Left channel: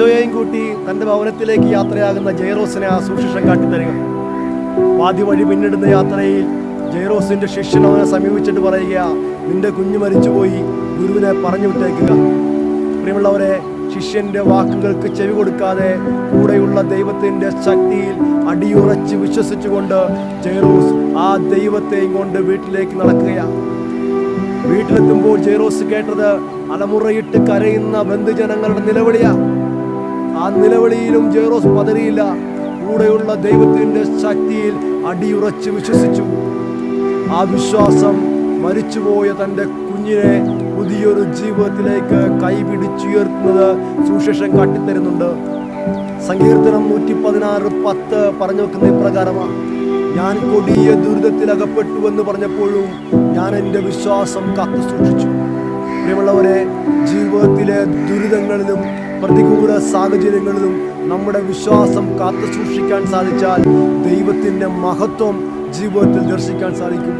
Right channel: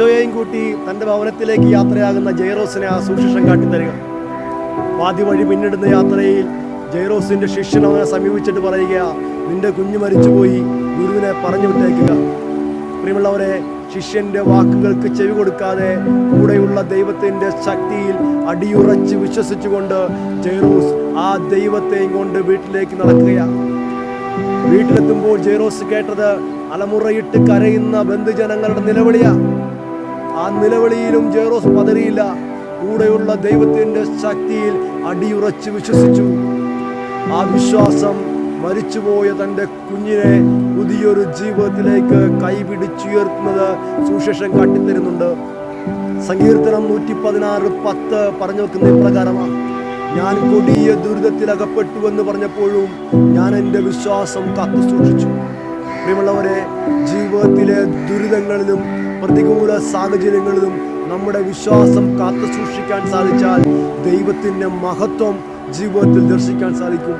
ഈശോയെയും കൂട്ടി തൻ്റെ ഭവനത്തിലേക്ക് യാത്രയാകുന്ന ജൈറോസിനെ ആ സുവിശേഷം കാട്ടിത്തരിക. പാതി വഴി പിന്നിടുന്ന യാത്രയിൽ ജൈറോസിൻ്റെ ശിഷ്യൻ അവനെ സമീപിച്ചിട്ട് പറയുക, നിന്റെ കുഞ്ഞ് മരിച്ചുപോയി, ഗുരുവിനെ പറഞ്ഞു വിട്ടേക്കുക. പ്രിയമുള്ളവരെ, ശിഷ്യൻ്റെ വാക്കുകൾക്ക് ചെവി കൊടുക്കാതെ കൂടെയുള്ള ദൈവത്തിൻ്റെ ശക്തിയിൽ അടിയുറച്ച് വിശ്വസിച്ചുകൊണ്ട് ജൈറോസ് ആ ദൈവത്തെയും കൊണ്ട് വീട്ടിലേക്ക് നടക്കുകയാണ്. വീട്ടിലെത്തുമ്പോൾ ജൈറോസ് കേട്ടത് അലമുറയിട്ട് കരയുന്ന ബന്ധുജനങ്ങളുടെ നിലവിളിയാ. ആ നിലവിളിയിലും ജൈറോസ് പതറിയില്ല. കൂടെയുള്ള ദൈവത്തിൻ്റെ ശക്തിയിൽ അടിയുറച്ച് വിശ്വസിച്ചു. ആ വിശ്വാസം മരിച്ചുപോയ തൻ്റെ കുഞ്ഞിനെ പുതിയൊരു ജീവിതത്തിലേക്ക് കൈപിടിച്ചുയർത്തുന്നത് സുവിശേഷം കാട്ടിത്തരുന്നുണ്ട്. സങ്കീർത്തനം 116:10 പറഞ്ഞു വെക്കുന്ന ഇപ്രകാരമാണ്: ഞാൻ കൊടിയ ദുരിതത്തിൽ അകപ്പെട്ടുവെന്ന് പറഞ്ഞപ്പോഴും ഞാൻ എൻ്റെ വിശ്വാസം കാത്തു സൂക്ഷിച്ചു. പ്രിയമുള്ളവരെ, ജീവിതത്തിലെ ദുരിതങ്ങളിലും പ്രതികൂല സാഹചര്യങ്ങളിലും നമ്മുടെ വിശ്വാസം കാത്തു സൂക്ഷിക്കാൻ സാധിച്ചാൽ ദൈവത്തിൻ്റെ മഹത്വം ജീവിതത്തിൽ ദർശിക്കാൻ സാധിക്കും.